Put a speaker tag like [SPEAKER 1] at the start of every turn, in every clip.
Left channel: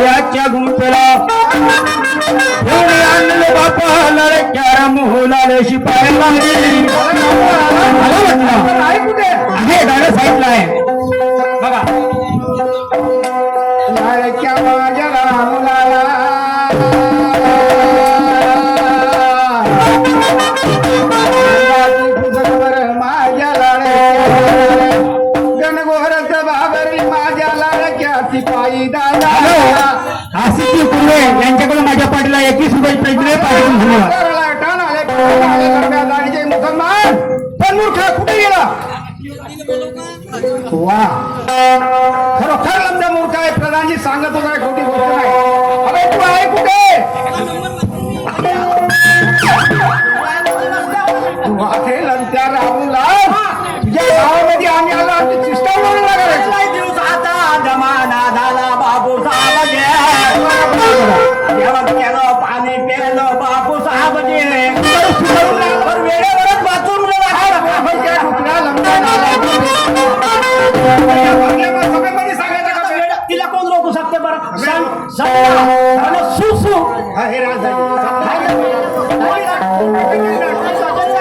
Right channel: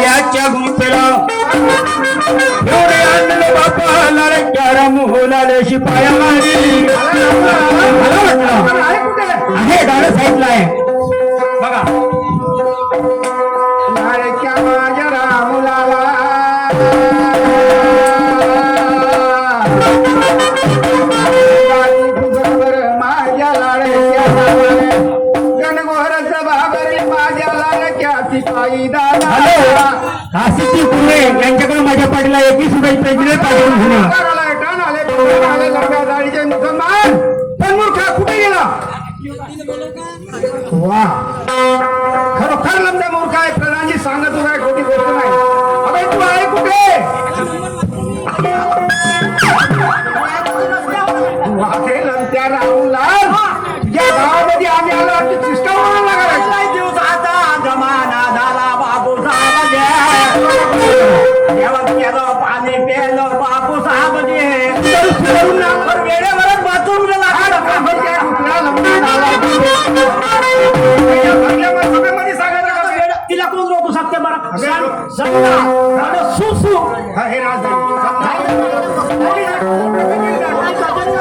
[SPEAKER 1] शिपायाच्या गुंफेला. एवढे आणलं बापाला रे क्यारा मोहलाला शिपायाला रे. आलं वाटलं? आहे गाणं साईडला आहे बघा.
[SPEAKER 2] लाडक्या माझ्या रामुलाला देवाची कुंभार माझ्या लाडक्या गणगोहरच बाबरे माझ्या लाडक्या सिपाई दादा.
[SPEAKER 1] आसिफ कुंभे यांच्याकडून माझ्या पाठीला एकवीस रुपये
[SPEAKER 2] आले लढ्या गाडीचे मुसलमान पण मूर्खा कुठे गेला वा खरोखर लंबा मूर्ख आहे. प्रधानजी सांगत होता
[SPEAKER 1] तिला कोण रोखू शकते बरं? सं- समजा, झालं सुसू.
[SPEAKER 2] हा, राज आहे.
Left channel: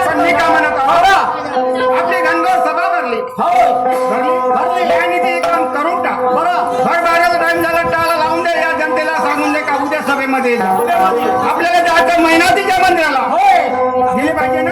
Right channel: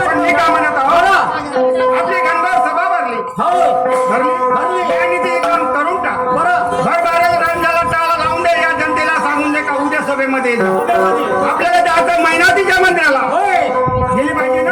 [SPEAKER 2] पण मी काय म्हणत आहो? आपली घनघर सभा भरली. भरली. भरली. यांनी ते एक काम करून टाक बरं. भर बाराचा टाइम झाला टाळा लावून दे या जनतेला सांगून दे का उद्या सभेमध्ये. आपल्याला आता महिनावतीच्या मंत्र्याला गेले पाहिजे ना?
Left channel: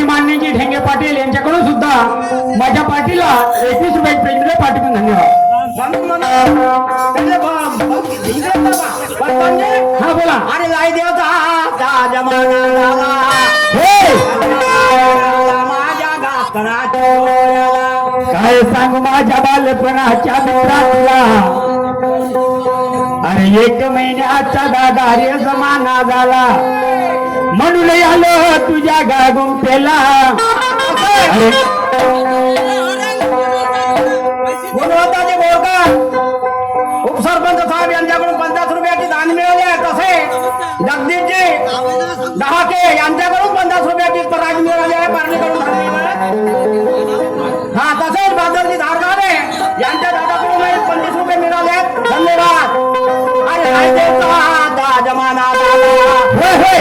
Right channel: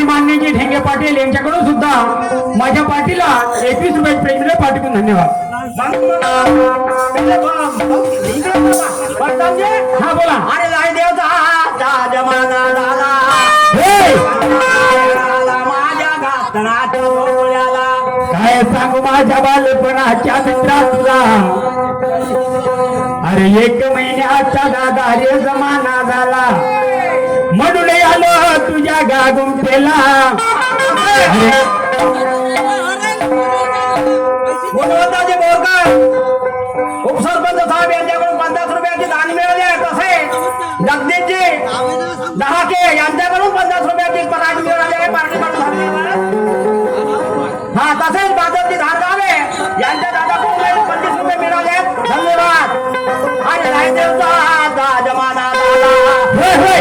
[SPEAKER 1] श्रीमान्यजी ढेंगे पाटील यांच्याकडून सुद्धा माझ्या पार्टीला एकवीस रुपये प्रेक्षक पाठवून धन्यवाद. हा बोला. अरे नाही देवता जमाना काय सांगू माझ्या बालपणाच्या मित्रातला अरे एक महिन्याचा गागार्य जमाना झाला. म्हणून आलो तुझ्या गा गुंफेला गुणवत्ताचे उपसरपंच साहेब यांच्याकडून पन्नास रुपयाचे दान मिळवले तसे. जगदीशजी दहाके यांच्याकडून पन्नास रुपयाची प्राईज मिळाली आहे पारणीकडून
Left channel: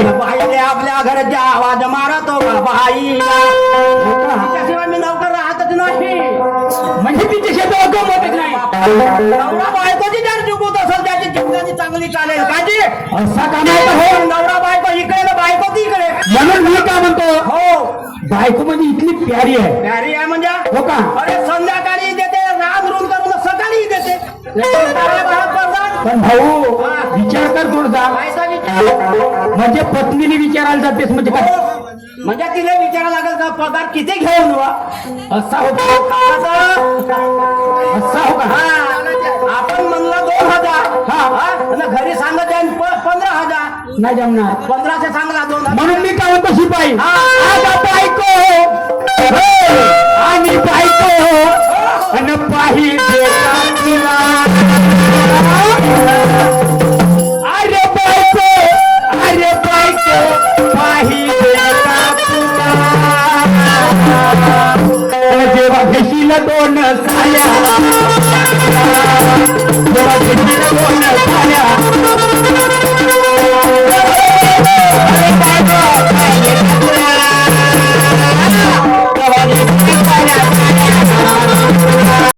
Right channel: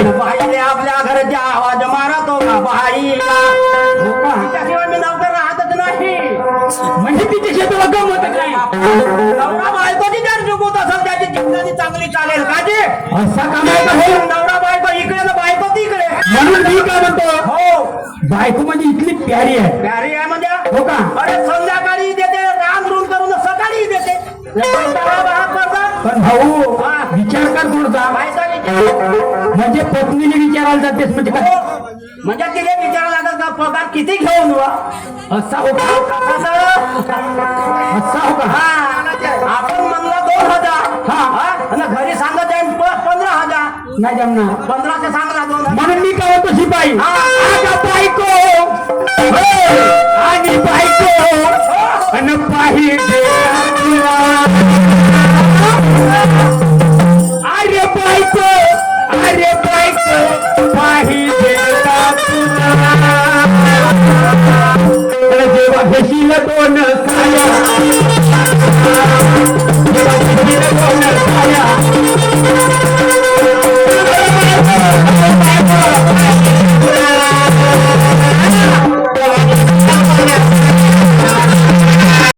[SPEAKER 1] बाईने आपल्या घरच्या आवाज मारतो का बाईला? तिच्याशिवाय मी नवकर राहतच नाही. म्हणजे तिची शेताला गमतच नाही. नवरा बायकोची जर जुगूत असेल त्याची जिंदगी चांगली चालेल का जी? असा का हो नवरा बायको इकडे बायको तिकडे. म्हणून मी काय म्हणतो? हो. बायको म्हणजे इथली प्यारी आहे. प्यारी आहे म्हणजे? हो का? अरे संध्याकाळी देते रान रूम करून सकाळी देते. पण भाऊ विचार कर थोडसा. म्हणजे पत्नीने विचारायला जातेस म्हणजे काय? म्हणजे तिने विचारायला लागेल का पगार किती घेऊन हो हो हा. आपण म्हणलं दोन हजार. हा. हा? घरी सांगत पंधरा हजार. नाही जमणार. पंधराशे सांगला दोन म्हणून मी काय म्हणतो शिपाई बायको. हो, आणि बायको. आणि बाहेर Nina Turner,